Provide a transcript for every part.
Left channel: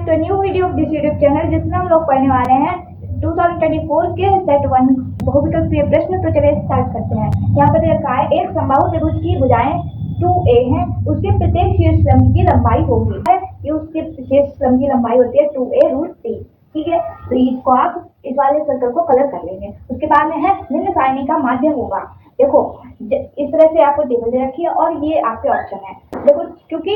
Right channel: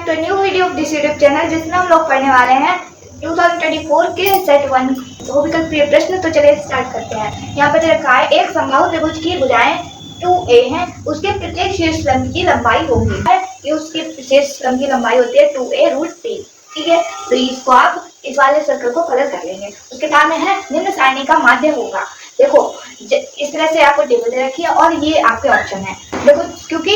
Back to new video of this YouTube channel, जिसमें हम लोग पढ़ने वाले हैं 2024 के सेट 1 बहुविकल्पीय प्रश्न। तो चलिए स्टार्ट करते हैं। यहाँ पर रखा है एक समबाहु त्रिभुज की भुजाएं 2a हैं, उसके प्रत्येक शीर्ष स्तंभ की लंबाई होगी है कि उसके शीर्ष स्तंभ की लंबाई होती है 2a√3। ठीक है, तो इसको आप इस वाले सर्कल को कलर कर लेंगे। उसके बाद में है निम्न सारणी का माध्य होगा। देखो इस तरह से आपको टेबल दे रखी है और ये आपके ऑप्शन है। देखो क्योंकि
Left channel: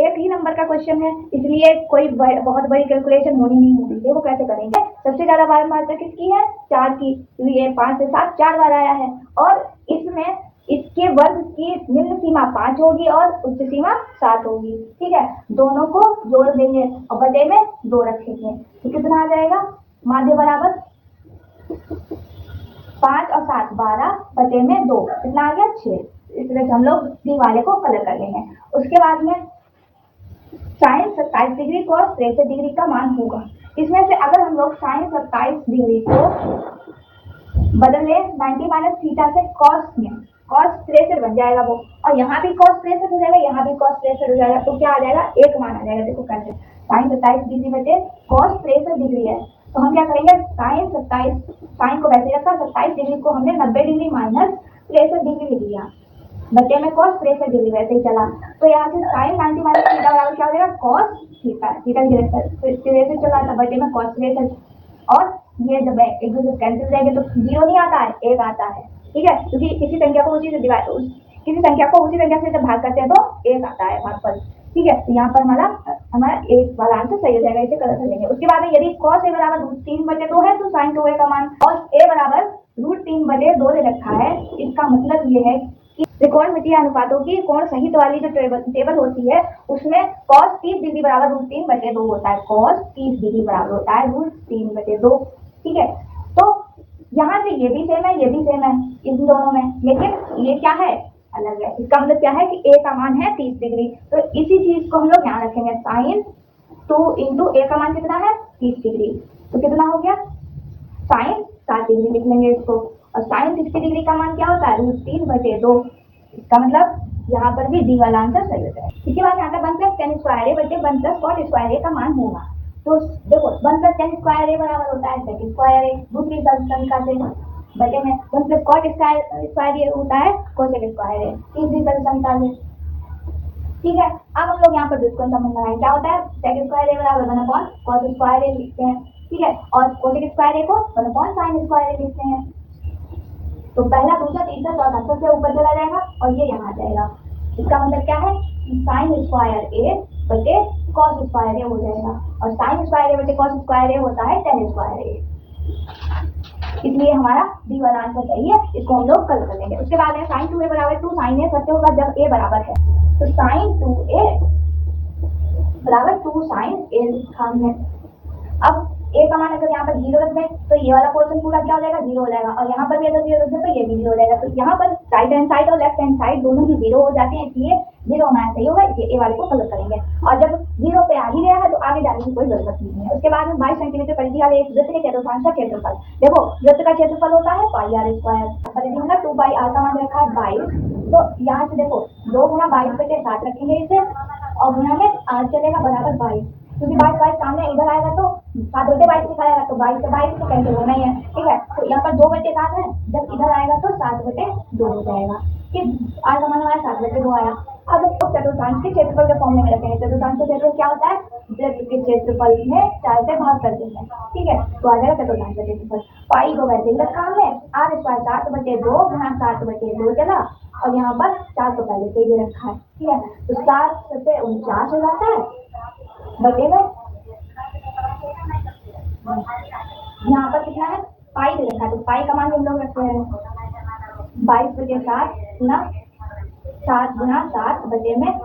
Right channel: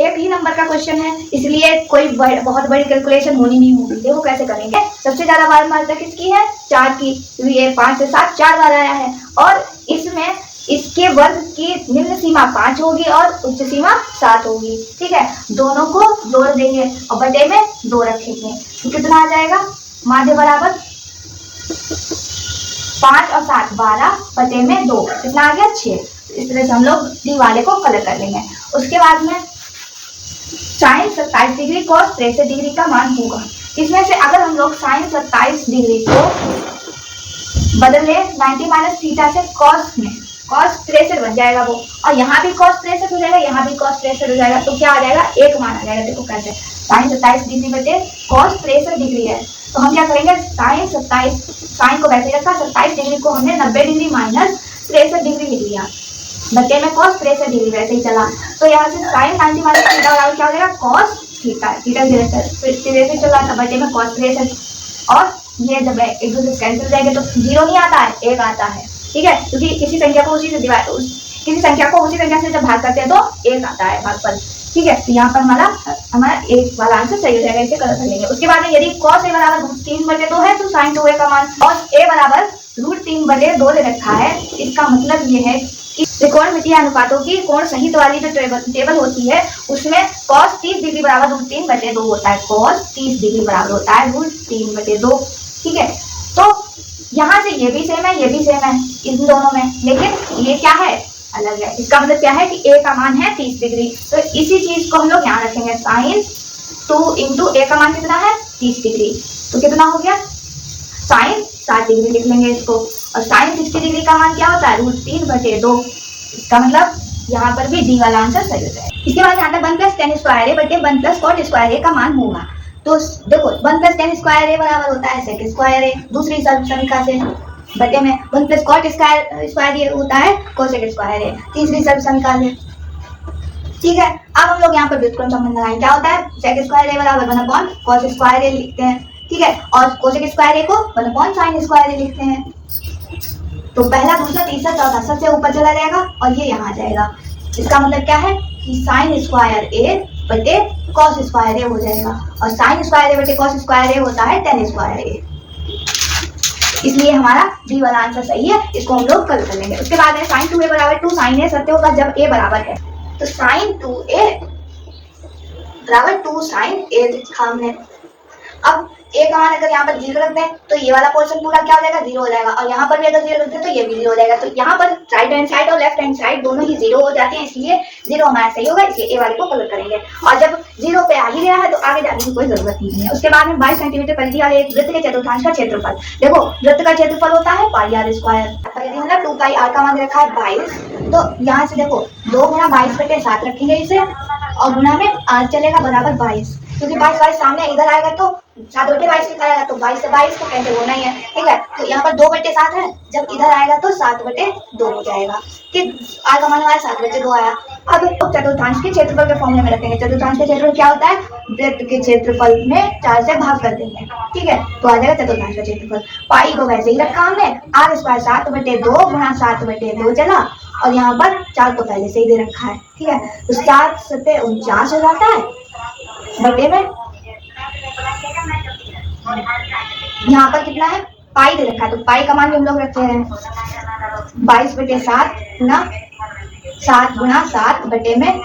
एक ही नंबर का क्वेश्चन है, इसलिए कोई बहुत बड़ी कैलकुलेशन होनी नहीं होगी। देखो कैसे करेंगे। सबसे ज्यादा बार मात्रा किसकी है? 4 की, क्योंकि ये 5 से 7 4 बार आया है और इसमें इसके वर्ग की निम्न सीमा 5 होगी और उच्च सीमा 7 होगी। ठीक है, दोनों को जोड़ देंगे और बटे में 2 रखेंगे तो कितना आ जाएगा? माध्य बराबर 5 और 7 12 बटे में 2, कितना आ गया? 6। इस तरह से हम लोग डी वाले को कलर कर लेंगे। उसके बाद में साइन 27 डिग्री cos 63 डिग्री का मान होगा। इसमें से अगर हम लोग साइन 27 डिग्री को बदले 90 माइनस थीटा से cos में, cos 63 बन जाएगा वो, और यहाँ भी cos 63 हो जाएगा, यहाँ भी cos 63 हो जाएगा, तो क्या आ जाएगा? एक मान आ जाएगा। देखो कैसे, साइन 27 डिग्री बटे cos 63 डिग्री है, तो हम क्या करेंगे? साइन 27, साइन को वैसे रखा, 27 डिग्री को हमने 90 डिग्री माइनस 63 डिग्री लिख लिया, बटे में cos 63 डिग्री वैसे ही चला। तो यहाँ से साइन 90 माइनस थीटा बराबर क्या हो जाएगा? cos थीटा, थीटा 63 चला था, बटे में cos 63, और ये जब एक दूसरे कैंसिल जाएंगे तो 0 नहीं आता है, 1 आता है। ठीक है, क्योंकि किसी संख्या को उसी संख्या से जब भाग करते हैं तो 1 आता है भागफल। ठीक है, तो यहाँ पर हमारा एक वाला आंसर सही हो जाएगा। इसे कलर कर लेंगे। उसके बाद में यदि cos a बराबर √3/2 है तो sin 2a का मान cos a बराबर √3/2 दे रखा है। इसका मतलब ये है कि त्रिकोणमितीय अनुपातों की कोण सहित वाली जो टेबल होती है उसमें cos 30 डिग्री बराबर √3/2 होता है। cos 30 डिग्री बराबर होता है √3/2। ठीक है, तो यहाँ से ये भी सेम है, ये भी सेम है इन दोनों में, लेकिन ये क्या है? अलग है। इसका मतलब क्या है कि a का मान है 30 डिग्री, तो इसी चीज को हम लोग यहाँ रखेंगे। साइन 2 इंटू a का मान कितना है? 30 डिग्री, तो कितना हो गया? साइन 60 डिग्री लिख लेंगे इसको, और साइन 60 डिग्री का मान क्या होता है? √3/2। इसका मतलब यहाँ पर भी डी वाला आंसर सही हो जाएगा। इसके बाद यहाँ पर 1 + tan स्क्वायर a बटे 1 + cot स्क्वायर a का मान होगा। तो देखो 1 + tan स्क्वायर a बराबर होता है sec स्क्वायर a, दूसरी समीकरण से, बटे में 1 + cot स्क्वायर ये होता है cosec स्क्वायर है, तीसरी समीकरण से। ठीक है, अब हम लोग यहाँ पर व्युत्क्रम संबंध लगाएंगे। क्या होता है? sec स्क्वायर a बराबर 1/cos स्क्वायर a लिखते हैं। ठीक है, और cosec स्क्वायर a को 1/sin स्क्वायर a लिखते हैं। तो पहला, दूसरा, तीसरा, चौथा सबसे ऊपर चला जाएगा और ये यहाँ आ जाएगा। इसका मतलब क्या है कि sin स्क्वायर a बटे cos स्क्वायर a हो जाएगा, और sin स्क्वायर a बटे cos स्क्वायर a होता है tan स्क्वायर a। इसलिए हमारा डी वाला आंसर सही है। इसको हम लोग कल कर लेंगे। उसके बाद में sin 2a बराबर 2 sin a सत्य होगा जब a बराबर है, तो sin 2a बराबर 2 sin a लिखा हमने। अब a का मान अगर यहाँ पर 0 रख दें तो ये वाला पोर्शन पूरा क्या हो जाएगा? 0 हो जाएगा, और यहाँ पर भी अगर 0 रख दें तो ये भी 0 हो जाएगा। तो यहाँ पर राइट हैंड साइड और लेफ्ट हैंड साइड दोनों ही 0 हो जाते हैं, इसलिए 0 हमारा सही होगा। इसलिए a वाले को कलर करेंगे, और जब 0 पे आ ही गया है तो आगे जाने की कोई जरूरत नहीं है। उसके बाद में 22 सेंटीमीटर परिधि वाले एक वृत्त के चतुर्थांश का क्षेत्रफल। देखो वृत्त का क्षेत्रफल होता है πr²। यदि हमने 2πr का मान रखा है 22, तो यहाँ से देखो 2 गुणा 22/7 रखेंगे इसे, और गुणा में r चलेगा बराबर 22, क्योंकि 22 सामने इधर आएगा तो 7/22 लिखा आएगा, तो 22 से 22 को कैंसिल होना ही है। ठीक है, तो यहाँ पर 2/7 है, जब इधर आएगा तो 7/2 हो जाएगा। ठीक, r का मान हमारा 7/2 आया। अब चतुर्थांश के क्षेत्रफल के फॉर्मूले में रखेंगे। चतुर्थांश का क्षेत्रफल क्या होता है? वृत्त के क्षेत्रफल में 4 से भाग कर देंगे। ठीक है, तो आ जाएगा चतुर्थांश का क्षेत्रफल। पाई को वैसे ही रखा हमने, r² 7/2 गुणा 7/2 चला, और यहाँ पर 4 तो पहले से ही दे रखा है। ठीक है, तो 4 7 49 हो जाता है, बटे में यहाँ पर कितना है? पाई दे रखा है, तो पाई का मान भी हम लोग रखे हैं 22/7 गुणा 7 गुणा 7 बटे में,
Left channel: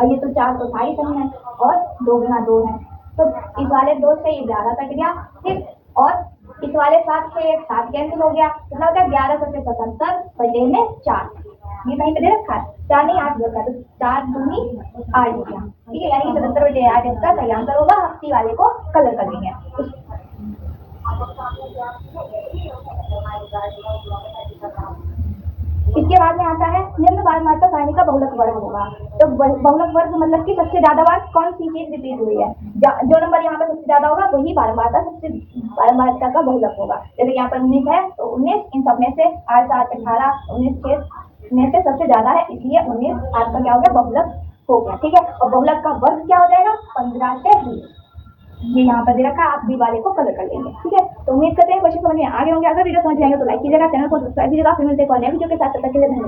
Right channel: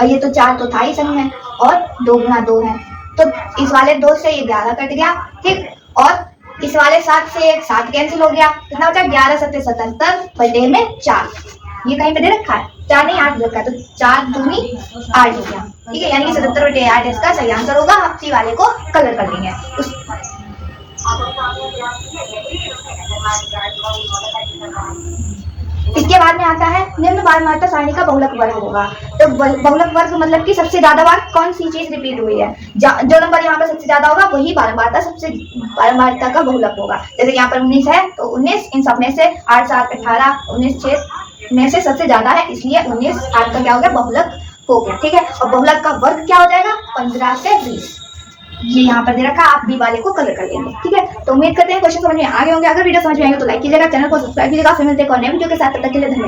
और ये तो 4 तो था ही संग में, और 2 गुणा 2 है, तो इस वाले 2 से ये 11 कट गया। ठीक, और इस वाले 7 से एक 7 कैंसिल हो गया, कितना बचा? 11 7 77 बटे में 4। ये कहीं पे दे रखा है? 4 नहीं 8 रखा है, तो 4 दूनी 8 हो गया। ठीक है, यानी कि 77/8 इसका सही आंसर होगा। आप सी वाले को कलर कर देंगे। इसके उसके बाद में आता है निम्न पारमार्थिक सारणी का बहुलक वर्ग होगा। तो बहुलक वर्ग मतलब कि सबसे ज्यादा बार कौन सी चीज रिपीट हुई है, जो नंबर यहाँ पर सबसे ज्यादा होगा वही पारमार्थिकता का बहुलक होगा। जैसे यहाँ पर 19 है तो 19 इन सब में से 8 7 18 19 6 में से सबसे ज्यादा है, इसलिए 19 8 का क्या हो गया, बहुलक हो गया। ठीक है, और बहुलक का वर्ग क्या हो जाएगा, 15 से 20। ये यहाँ पर दे रखा, आप बी वाले को कलर कर लेंगे। ठीक है, तो उम्मीद करते हैं क्वेश्चन समझ में आ गए होंगे। अगर वीडियो समझ में आएगा तो लाइक कीजिएगा, चैनल को सब्सक्राइब कीजिएगा। फिर मिलते हैं एक और नए वीडियो के साथ, तब तक के लिए धन्यवाद।